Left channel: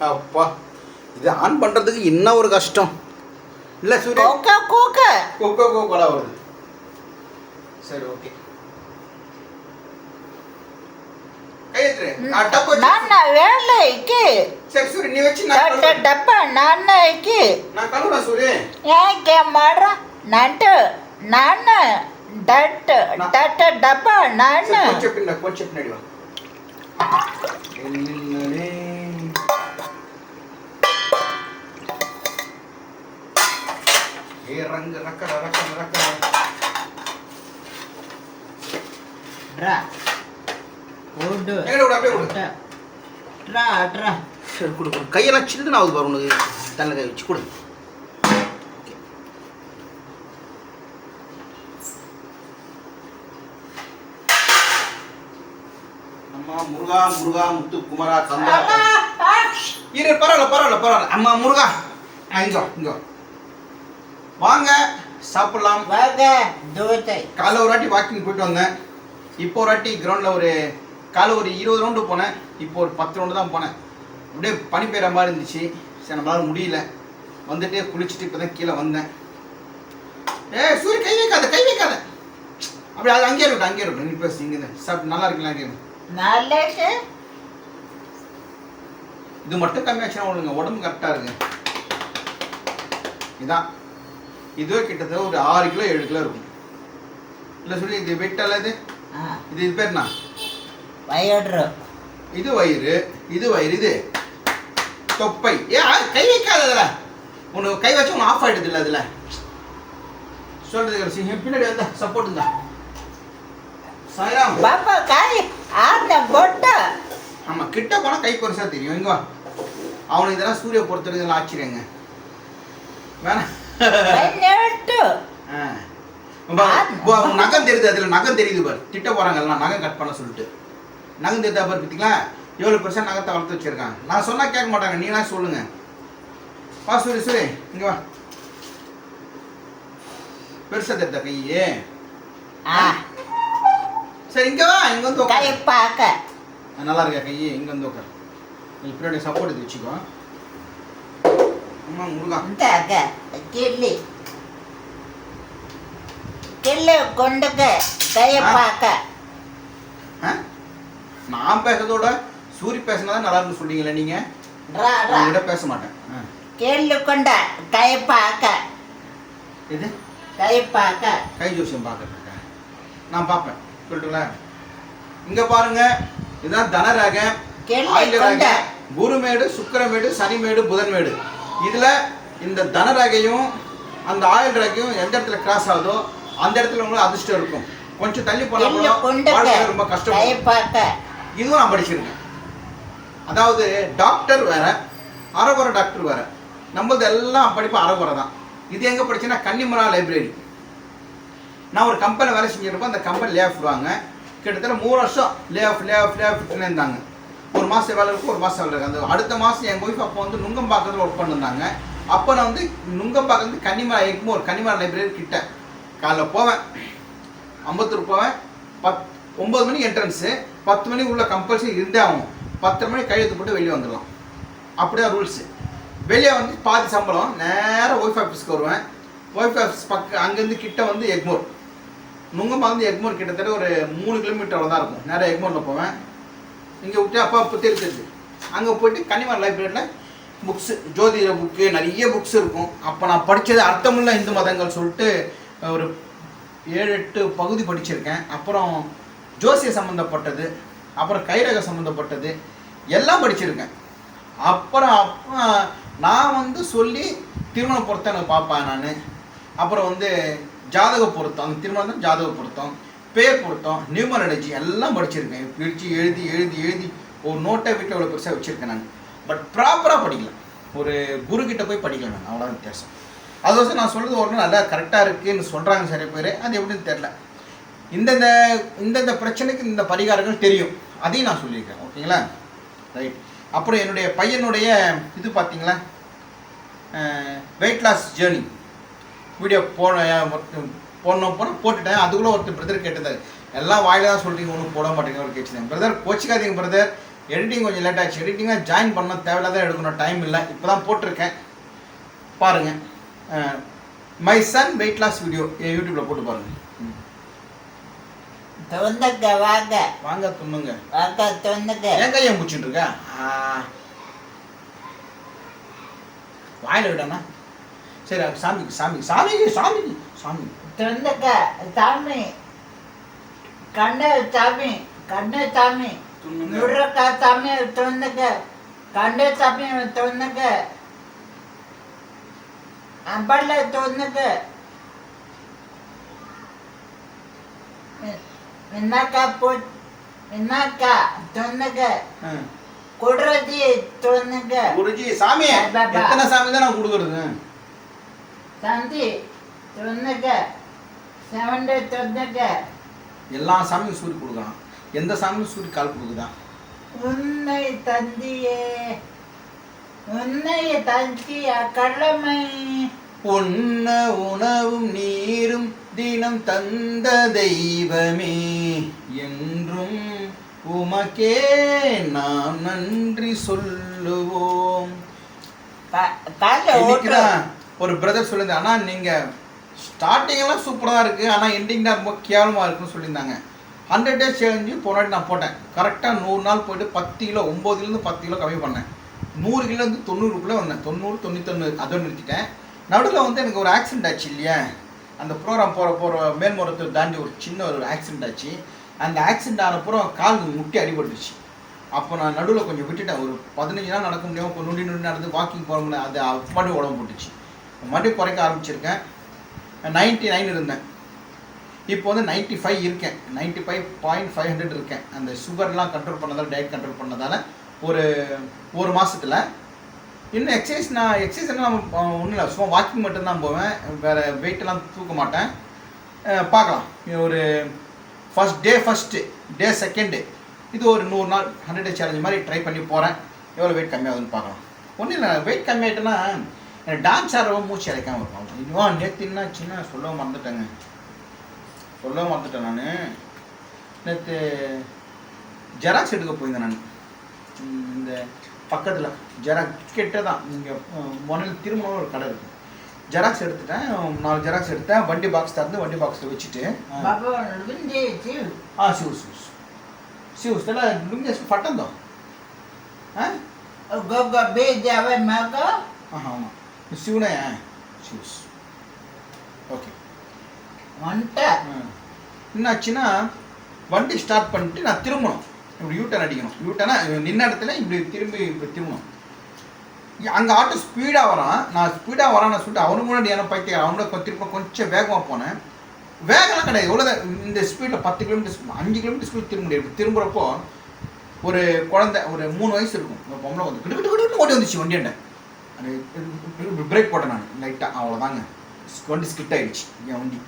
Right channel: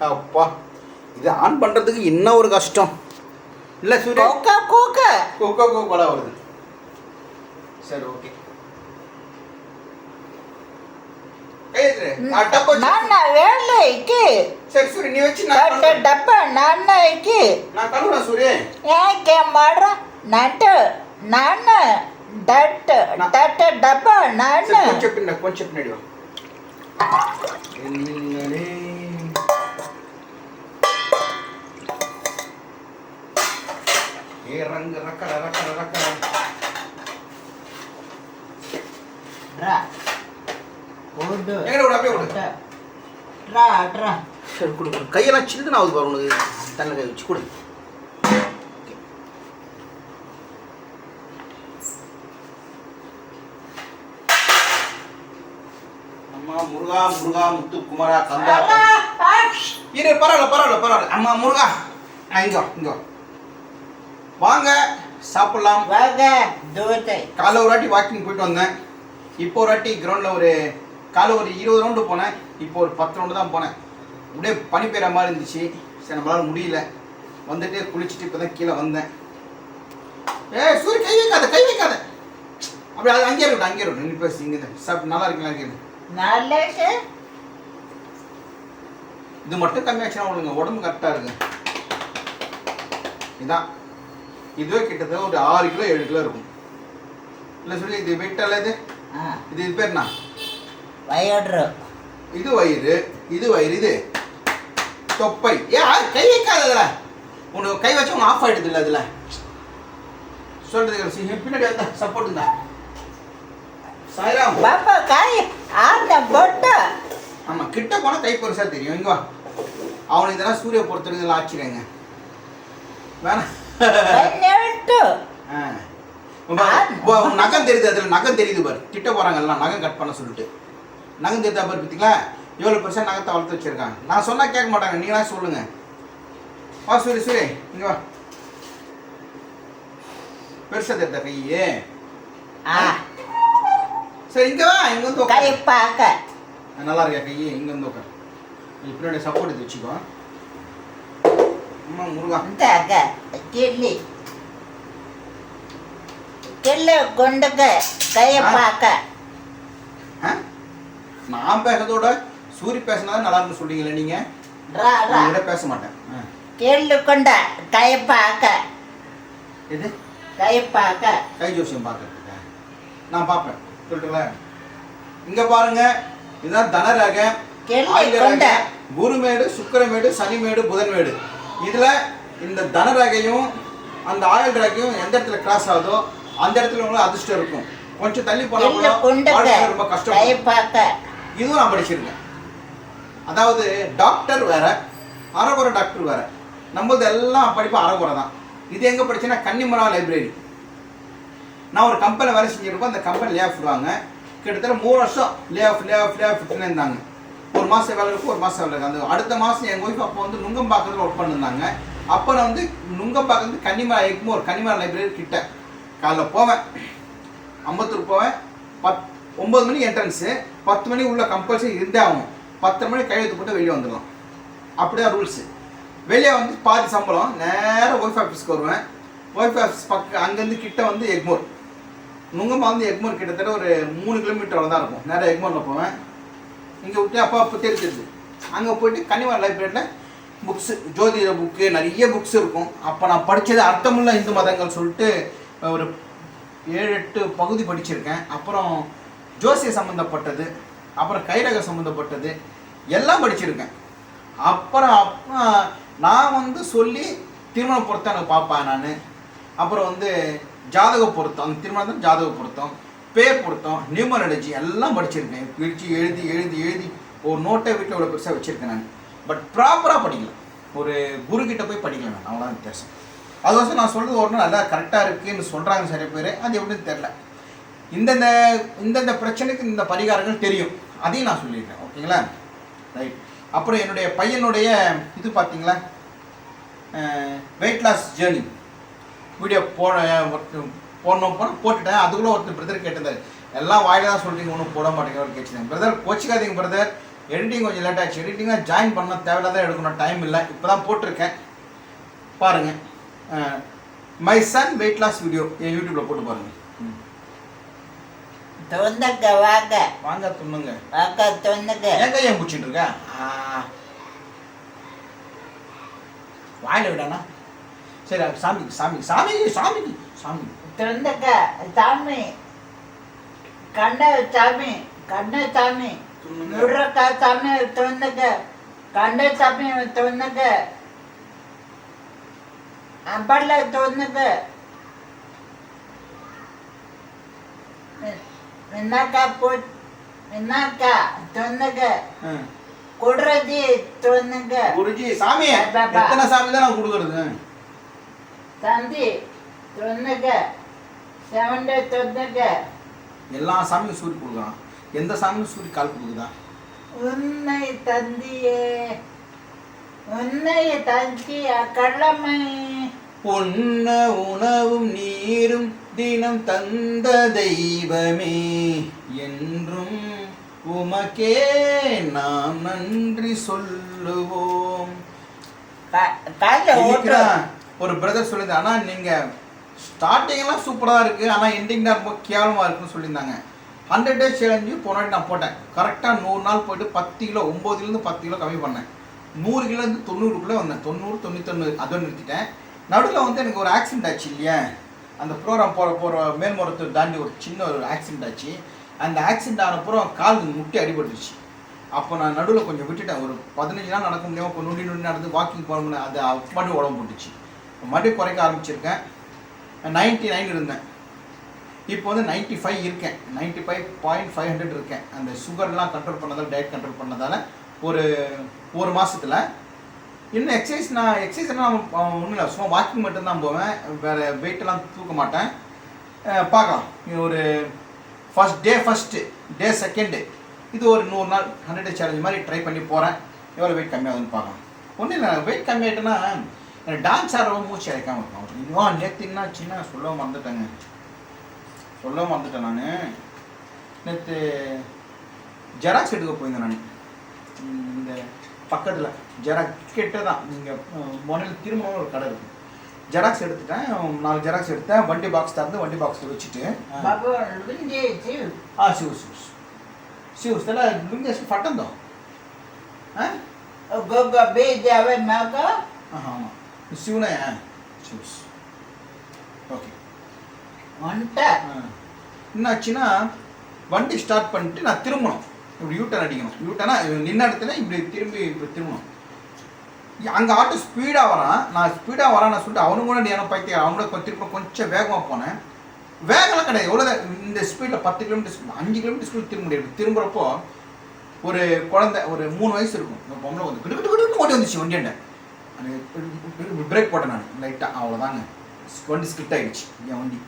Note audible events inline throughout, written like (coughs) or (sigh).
அப்பா இது ஆன் பண்ணுறதுக்கு என்ன ஒரு கஷ்டம்? இல்லை சூரிய? கோக்கா கோக்க. கோக்கா கோக்கோலா வருது. சரி ஓகே నాన్న వేళ్ళకి డబ్బ నాన్నకి మాడ నంట నాన్న డట్ డట్ ஏ ரங்க ரக்கர ரக்கர ட்ரா. ஓடு எங்க ஓடு அப்படியே ஓடு ட்ரா ட்ரா. சரி கொடு கொடு. கையெல்லாம் சின்ன ஆகுது பாரு உனக்கு. தள்ள கை வச்சு கொடு. முருகா முருகா முத்து குமரா தந்தா இரு பரவாயில்ல பரவாயில்ல பரவாயில்ல. அம்மா முருகா. இங்கோ இங்கோ. வாங்க சாப்பிடலாம். வாங்க காலை ஒரு வாட்டி வாக்கிங் போயிட்டு வந்தேன். இப்போ ஒரு வாட்டி கிரவுண்டில் ஒரு காலை ஒரு இருபது ரவுண்டு போனேன். இப்போ ஒரு பத்து ரவுண்டு தான் போனேன். அப்படியே பனி பெய்கிற மாதிரி இருந்துச்சு. சரி நம்மளால முடியல. வந்துட்டு குளிச்சுட்டு இப்போ தான் கீழே வந்தேன். ஏ சூரிய கை வைக்காத கை வைக்காத. அப்படி அது அங்கேயே இருக்கும் அங்கேயே இருக்கும் நீ பேசி இங்கே சாப்பிட்டு நல்லா இருக்குங்களா கேட்கும் நல்லா இது மட்டும் கம்மியாச்சுன்னா உடம்பு கரெக்டாக இருக்கு. இதான். இது கிட்டத்தட்ட ஒரு ஆறு கிலோ ஏழு கிலோ இருக்கும். இல்லை சொல்லி இது வெட்டால இது? இது இது பேர் வயிறு. இது வயிறு இது வயிறு இது. தொப்பை. ஏ கை வைக்காததுல உனக்கு கை வச்சு உனக்கு ஆஃப் ஆகிடுது இல்லை அதில் சொல்றது பின்னாடி வந்தா சப்போர்ட் இருந்தா சாயராம். பாப்பா காய் ஆட்ட பொட்டா. ஆமாம் கிட்ட போனால் கை பெருசாக தெரியும். இங்கே அவனுக்கு இதெல்லாம் சூரிய பொறுத்தவரைக்கும் இதெல்லாம் ஆச்சரியங்க வேணாம் நகம் தெரியுது அதில் நகம் தெரியுது பார். திட்ட போகிறாங்க எல்லாம் நகம் கட் பண்ண சொல்லிட்டு. நகம் தெரியுதா பாரு பார்த்தீங்களா எவ்வளோ பெர்சன்ட் நகத்தை வளர்த்து வச்சுருக்காங்க. நான் சொன்னால் கேட்க மாட்டாங்க நீங்களா சொல்லுங்கள் வா சூரி சூரி இங்கே வா. பெருசாக தெரியுதா கையே? ஆ. சரி இங்கே வா இங்கே வந்து உட்காரு பார்க்க. நல்லா இருக்கா கையே? இங்கே வந்து உட்காரு நீ பின்னாடி சப்போர்ட் எடுத்து வச்சுக்கோ. அம்மா முருகா. இந்த அக்கா செல்ல கொண்டக்க கைய பார்க்க. நான் பேசுறதோட சூரி பேசினா நல்லா இருக்கும் சொல்றீங்களே நீங்க? நான் பேச மாட்டேன். கேள்வி கொண்ட கை பார்க்க. எது? கை பார்க்க. கை ஜோசியம் பார்க்கறதுக்கு நான் பார்ப்பேன். சொல்லிட்டுங்களா இங்க பாருங்க. இதுதான் தனராக கொண்ட. குருமேடு சுக்கரமேடு சனிமேடு புதன்மேடு. இதுல இந்த தன ரகையும் அந்த ஆயுள் ரகையும் எந்த இடத்துல கிராஸ் ஆகுதோ அந்த இடத்துல உங்களுக்கு அதிர்ஷ்டம் இருக்கும். கொஞ்சம் தள்ளி போனா ரொம்ப கஷ்டம் இதுவும் நான் படிச்சிருக்கேன். அதாவது டாக்டர் வேற அறகுறை டாக்டர் வேற. நம்மளது எல்லாம் படிப்பு அறகுறை தான். இது எங்கே படிச்சேன்னா கன்னிமரா லைப்ரரி நான் ஒரு கம்பெனி வேலை செஞ்சுருப்போம் அந்த கம்பெனி லே ஆஃப் விடுவாங்க. கிட்டத்தட்ட மூணு வருஷம் lay off lay off lay off இருந்தாங்க. ஒரு மாதம் வேலை இருக்கும் ஒரு மாதம் வேலை இருக்குது அந்த அடுத்த மாதம் எங்கள் ஒய்ஃப் அப்போ வந்து நுங்கம்பாக்கத்தில் ஒர்க் பண்ணிருந்தாங்க. அப்போ நான் வந்து நுங்கம்பாக்கம் வந்து கன்னிமரா ஒரு கன்னிமரா லைப்ரரி கிட்ட. காலைல போவேன். அம்பத்தூர் போவேன். பத் ஒம்பது மணி என்ட்ரன்ஸு பத்து மணி உள்ள கம்பல்சரி இருந்தே ஆகணும். பத்தரை மணி கையெழுத்து போட்டு வெளியே வந்துடலாம். அப்படி தான் ரூல்ஸு வெளியே வந்து பாதி சம்பளம் நேராக ஒய்ஃப் ஆஃபீஸ்க்கு வருவேன். ஒய்ஃப் ஆஃபீஸ் பக்கம் அங்கேருந்து கிட்ட வந்து எக்மோர். நுங்கம்மா வந்து எக்மோர் கிட்டத்தட்ட ஒரு மூணு கிலோமீட்டர் தான் இருக்கும். நேராக எக்மோரில் போவேன். இங்கே விட்டு அப்பா அப்போ தெரிஞ்சது அங்கே போயிட்டு கன்னிமார் லைப்ரரியில் புக்ஸு ஜோதிட புக்கு நிறைய புக்ஸ் இருக்கும். அப்போ நான் படித்தது அர்த்தமுள்ள இந்து மதங்கள் சொல்லிட்டு ஒரு ஏழு எட்டு பகுதி படிச்சிருக்கேன். அப்புறம் ஜோசிய சம்மந்தப்பட்டது அப்புறம் கைரக சம்மந்தப்பட்டது எல்லாம் படிச்சிருக்கேன். அப்புறம் அப்போ நான் வந்து சொல்லி திருமண பொருத்தம் பார்ப்பேன் நான். அப்புறம் வந்து ஜாதக பொருத்தம் திருமணம் ஜாதக பொருத்தம் பே பொருத்தம் நியூமரலஜி எல்லாம் படிச்சிருக்கேன். பிரித்து எழுதி எழுதி எழுதி ஒரு நோட்டை வீட்டில் அவ்வளோ பெருசாக வச்சுருக்கேன் நான். பட் ப்ராப்பராக படிக்கல. ஒரு குரு கிட்ட போய் படிக்கல நான். அவ்வளோதான் வித்தியாசம். அதுக்கோசம் நான் சொல்கிறது ஒன்று நல்லா கரெக்டாக இருக்குன்னு சொல்கிறாங்க சில பேர். அது எப்படின்னு தெரில இந்தந்த இந்தந்த பிரச்சனைக்கு இந்த பரிகாரங்கள் தெரியும். அதையும் நான் சொல்லியிருக்கேன். ஓகேங்களா? ரைட் அப்புறம் என்னுடைய பையனுடைய இது பார்த்தீங்களா? வெயிட் லாஸ் ஜேர்னி வீடியோ போன போடணும் போன போட்டுட்டேன். அதுக்குள்ளே ஒருத்தர் பிரதர் கேட்டிருந்தார். எல்லாம் வாயில தான் சொல்கிறீங்க ஒன்றும் போட மாட்டேங்க. ஒரு கேட்டுருந்தேன் பிரதர் கோச்சிக்காதீங்க பிரதர் எடிட்டிங் கொஞ்சம் லேட் ஆச்சு எடிட்டிங்காக ஜாயின் பண்ண தேவையில்லாத எடுக்கணும். டைம் இல்லை. இப்போ தான் போட்டிருக்கேன். பாருங்கள் my son weight loss video யூடியூப்பில் போட்டு பாருங்கள் ம். தொந்தக்க வாங்க. வாங்க துண்ணுங்க வாங்க தொந்தக்க ஏன் கையை முடிச்சுட்டு இருக்க. வாயில விடானா சரி சாமிக்கு சாமி சாமிக்கு சாமிக்கு சாமி தொந்தக்க சாமி. கண்ண சாமி கண்ண சாமி. நுடுறக்க சாமி தொந்தக்க கண்ண சாமி தொந்தக்க தொந்தக்க என்னக்கா போ என்னக்கா தொந்தக்க ஆ. குடுறது தொந்தக்க குருஜி சாமி. எத்தனை சாமி தான் நான் கொடுக்குறது? தந்தி செவன்ட தொந்தக்க எல்லா சாமியும் சூரி கொடுக்குறான் எந்த சாமியும் சூரி கால் கொடுக்குதா? உன்னை தந்தியே. உன்னை தந்திய கடமை பொன்ன உணவும் நீரும் தினம் தந்த தெய்வமே. என்றும் உமக்கே நாம் நன்றி சொல்லுவோம். ஒரு பிரதர் சொல்லியிருந்தாங்க ஆனால் நீங்கள் ஸ்டார்டிங்கெல்லாம் சூப்பராக இருக்குது ஆனால் எண்டிங் தான் ரொம்ப கேவலமாக இருக்குன்னு சொல்லியிருந்தாங்க. ஹண்ட்ரட் டேஸ் சேலஞ்சு போனாடி நான் போட்டேன். கரெக்டாக நூறு நாள் போயிட்டு பத்து கிலோ ஒம்போதுலேருந்து பத்து கிலோ கம்மி பண்ணேன். நூறு கிலோலேருந்து தொண்ணூறுக்குள்ளே வந்தேன். தொண்ணூறு தொண்ணூத்தொன்று அதோடு நிறுத்திட்டேன். நடுவில் வந்து எனக்கு ஒரு ஆக்சிடென்ட் ஆச்சு இல்லையா? அந்த ப்ரோக்ராம் போகிற போகிற மேல்மரத்தை தாண்டி ஒரு சின்ன ஒரு ஆக்சிடென்ட் ஆச்சு. அந்த ஆக்சிடென்ட் ஆனப்புறம் கால் முட்டி அடிபட்டுருச்சு. அப்போ நான் நடுவில் கொஞ்சம் விட்டுட்டேன். ஒரு பதினஞ்சு நாள் நடக்க முடியாமல் இப்போ நொண்டி நொண்டி நடந்து வாக்கிங் போக முடியல அது மறுபடியும் உடம்பு போட்டுச்சு. மறுபடியும் குறைக்க ஆரம்பிச்சிருக்கேன். நைன்ட்டி நைன் இருந்தேன். இப்போ வந்து நைன்ட்டி ஃபைவ் இருக்கேன். Ninety five point five hundred இருக்கேன். அந்த சுகர்லாம் கண்ட்ரோல் பண்ணதால் டயட் கண்ட்ரோல் பண்ணதால் ஒரு ஒரு மாதத்தில் இன்னும் எக்ஸசைஸ் நான் எக்ஸசைஸ் எல்லாம் ஒன்றும் இல்லை. சும்மா வாக்கிங் மட்டும்தான் போவேன். வேறு வெயிட்டெல்லாம் தூக்க மாட்டேன். பார்க்கலாம். இது ஒரு first day first day second இது ஒரு நூறு நாள் ஹண்ட்ரட் டே சேலஞ்ச் மாதிரி ட்ரை பண்ணி போகிறேன் எவ்வளோ வெயிட் கம்மியாகுதுன்னு பார்க்கலாம். ஒன்றும் இல்லை. வெயிட் கம்மியாயிட்டேன்னா எனக்கு டான்ஸ் ஆடுறவங்க மூச்சு அடைக்காமல் இருக்கும். இன்னும் நேற்று என்ன சின்ன சொல்ல மறந்துட்டேங்க. சொல்ல மறந்துட்டேன் நான். நேற்று ஜெராக்ஸ் எடுக்க போயிருந்தேன் நான். இந்த பக்கத்தில் ஜெராக்ஸ் கிட்ட தான் நீங்கள் முதல்ல திரும்பவும் ஒரு கடை இருக்குது ஜெராக்ஸ் எடுத்துட்டேன். நாலு ஜெராக்ஸ் எடுத்தேன். வண்டி பாக்ஸ் தந்து வண்டி பாக்ஸில் வச்சுட்டு ஆ சிவ சிவஸ் சிவஸ் தெல லுங்கேஸ் பட்டம் தான் ஆமாம் சிவனே சிவஸ் ஓகே. வந்துட்டேன். என்னாச்சுன்னா வண்டி ஸ்டார்ட் பண்ணிட்டு நான் திரும்பணும். இப்படி யூட்டன் அடிக்கணும். யூட்டனா நின்ன இடத்துல இப்படி திரும்பி இப்படி திரும்பணும். அங்கே ஆட்டோ ஸ்பீடாக வரான். நான் ஸ்பீடாக வரான்னு சொல்லிட்டு அவனுக்கு முன்னாடி என்ன பைக்கை அவனோட கொஞ்சம் திரும்ப கொஞ்சம் வேகமாக போனேன். வேகம்லாம் கிடையாது. எவ்வளோ இந்த ஸ்பீடில் பத்து கிலோமீட்டர் அஞ்சு கிலோமீட்டர் ஸ்பீட் திரும்ப முடியாது. திரும்புகிறப்போ திரும்புறப்போ ஒரு குழந்தை ஒரு மூணு வயசு இருக்கும். ஒரு பொம்பளை வந்து கிட்டு கிட்டு கிட்டு ஓடி வந்துச்சு வண்டியாண்ட அது பிரேக் போட்டேன் நான். லைட்டாக அவ்வளோதாங்க வண்டி ஸ்கிட் ஆகிடுச்சு என் வண்டி.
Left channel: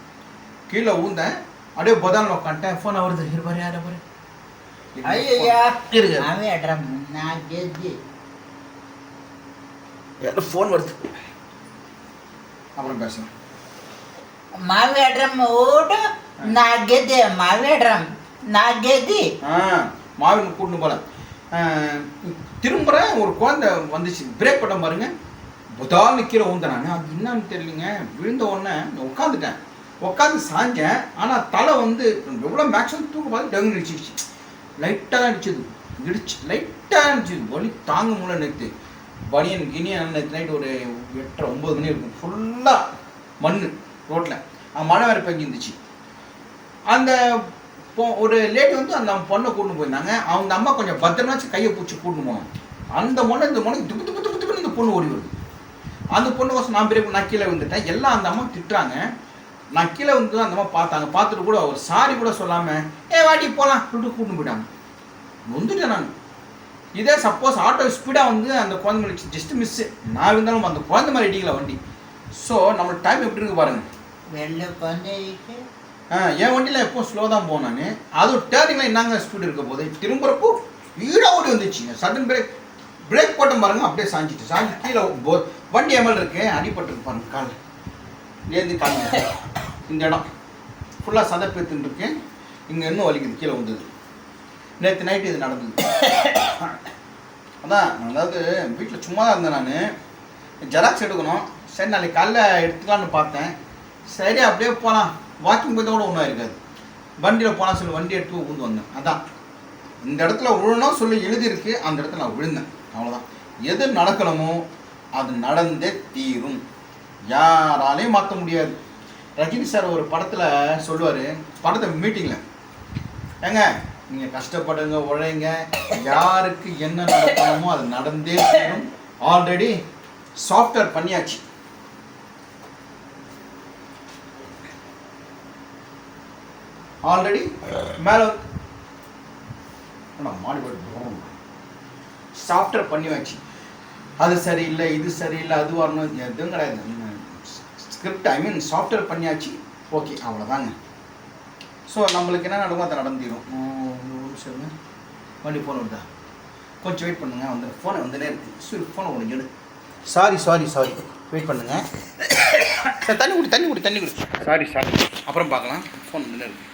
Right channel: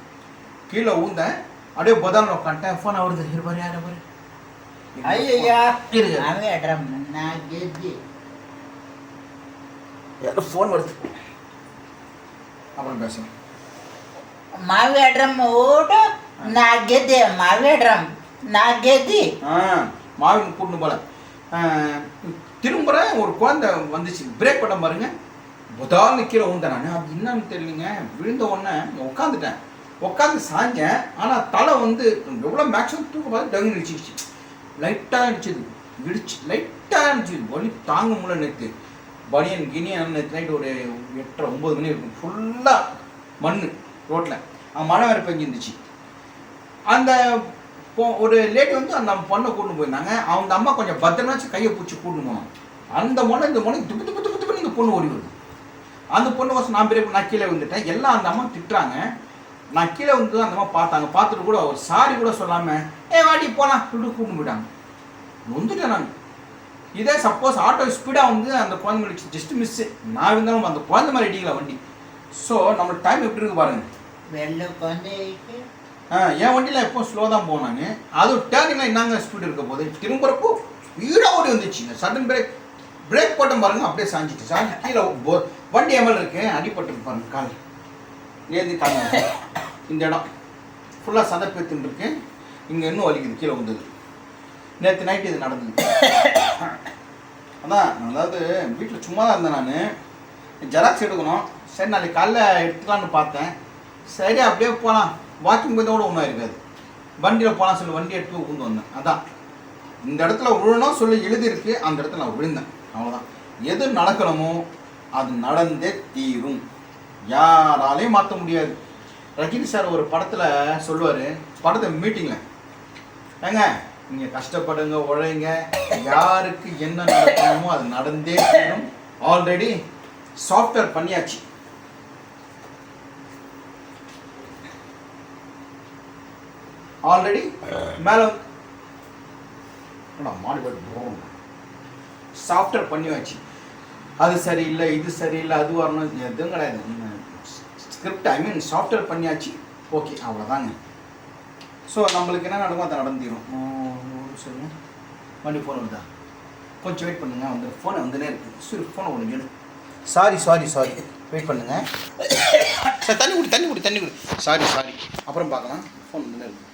கீழே ஊந்தேன். அப்படியே பதானில் உட்காந்துட்டேன். ஃபோன் வருது. இருப்பார் யார் பாரு. ஐயா இருக்கு அவன் அட்ரம் நான் கேஜி. யாரோ ஃபோன் வருது. அப்புறம் பேசுகிறேன் மாவேட்ரம் ஓடு. நான் கெதி மாவேட்ரம் நான் கெதி ஆ மாவின் கூட்டு போல. திரும்புகிற ஒரு குழந்தை வந்துச்சு. பிரேக் பண்ண பாருங்க. புதால்னு கீழே விழுந்தேன் நான் அது என்னன்னு தெரியலங்க. விழுந்த உடனே உட்காந்துட்டேன் உட்காந்து சாஞ்சேன். ஆனால் தலை வந்து எவ்வளோ மேக்ஸிமம் தூக்க பார்த்து டங்கு நிடிச்சிருச்சு லைட்டாக தான் இடிச்சது. இடிச்சு லைட்டாக இருந்துச்சு. வலி தாங்க முடியல நேற்று பனியன் கினியன் நேற்று நைட்டு ஒரு எட்டரை ஒம்பது மணி இருக்கும். ஃபுல்லாக மண் ரோட்டில் மழை வேறு பெஞ்சிருந்துச்சு. அந்த ஒரு லேடி வந்து அந்த பொண்ணை கூட்டு போயிருந்தாங்க. அவங்க அம்மா கொஞ்சம் பத்திரமாச்சு கையை பிடிச்சி கூட்டு போனோம் அந்த பொண்ணை இந்த பொண்ணு துப்பு துப்பு துப்பு துப்புன்னு இந்த பொண்ணு ஓடி வருது. அந்த பொண்ணு கோசம் நான் பெரிய நான் கீழே விழுந்துட்டேன். எல்லாம் அந்த அம்மா திட்டுறாங்க. நான் கீழே வந்து தான் அந்த மாதிரி பார்த்தாங்க. பார்த்துட்டு கூட ஒரு சாரி கூட சொல்லாமல் ஏ வாடி போகலாம் சொல்லிட்டு கூப்பிட்டு போயிட்டாங்க. நொந்துட்டேன் நாங்கள் இதே சப்போஸ் ஆட்டோ ஸ்பீடாக வந்து அந்த குழந்தை மாதிரி ஜஸ்ட் மிஸ்ஸு நான் இருந்தாலும் அந்த குழந்தை மாதிரி அடிக்கல வண்டி. ஸோ நம்மளுக்கு டைம் எப்படி இருக்கு பாருங்க. வெள்ள குழந்தைக்கு என் வண்டியில் எப்போ ஸ்லோ தான் போனாங்க அதுவும் டேர்னிங்கில் என்னங்க ஸ்பீடு இருக்க போது திரும்புறப்போ ஸ்பீடாக ஓடி வந்துச்சுங்க சடன் பிரேக் பிரேக் போட்டோம் பாருங்க அப்படியே சாஞ்சிட்டு சாஞ்சி கீழே வண்டி எமல் இருக்கு. அடிபட்டு பாருங்க காலை. ஏந்தி இந்த இடம். ஃபுல்லாக சதப்பேத்துன்னு இருக்கு. இங்கே இன்னும் வலிக்குது கீழே வந்தது நேற்று நைட்டு இது நடந்தது. அதான் அதாவது வீட்டில் சும்மா தான் இருந்தேன் நான். ஜெராக்ஸ் எடுக்கணும். சரி நாளைக்கு காலைல எடுத்துக்கலான்னு பார்த்தேன். சரி அப்படியே போகலாம் வாக்கிங் போய் கூட ஒன்றும் இருக்காது வண்டியில் போகலாம் சொல்லி வண்டி எடுத்து போய் வந்தேன். அதான். இந்த இடத்துல விழணும் சொல்லி எழுதியிருக்கு. அந்த இடத்துல நான் விழுந்தேன். அவ்வளோதான் எது நடக்கணுமோ அது நடந்தே தீரும். யாராலையும் மாற்ற முடியாது. ரஜினி சார் ஒரு படத்தில் சொல்லுவார் படத்தை மீட்டிங்கில் ஏங்க நீங்கள் கஷ்டப்படுங்க உழைங்க யாருக்கு என்ன நடக்கணுமோ அது நடந்தே தீரும். ஆல்ரெடி சாஃப்ட்வேர் பண்ணியாச்சு. ஆல்ரெடி மேலே மாடி சாஃப்ட்வேர் பண்ணியாச்சு. அது சரியில்லை இது சரியில்லை அது வரணும். எதுவும் கிடையாது. ஸ்கிரிப்ட் ஐ மீன் சாஃப்ட்வேர் பண்ணியாச்சு ஓகே அவ்வளோதாங்க ஸோ நம்மளுக்கு என்ன நடக்கும் அது நடந்திடும் சொல்லுங்க வண்டி ஃபோன் வருதா? கொஞ்சம் வெயிட் பண்ணுங்க. வந்து ஃபோனை வந்துனே இருக்கு. சரி ஃபோனை உனக்கு எடு. சாரி சாரி சாரி வெயிட் பண்ணுங்க. (coughs) சார் தண்ணி குடி தண்ணி குடி தண்ணி குடி. சாரி சாரி அப்புறம் பார்க்கலாம். ஃபோன் வந்துனே இருக்குது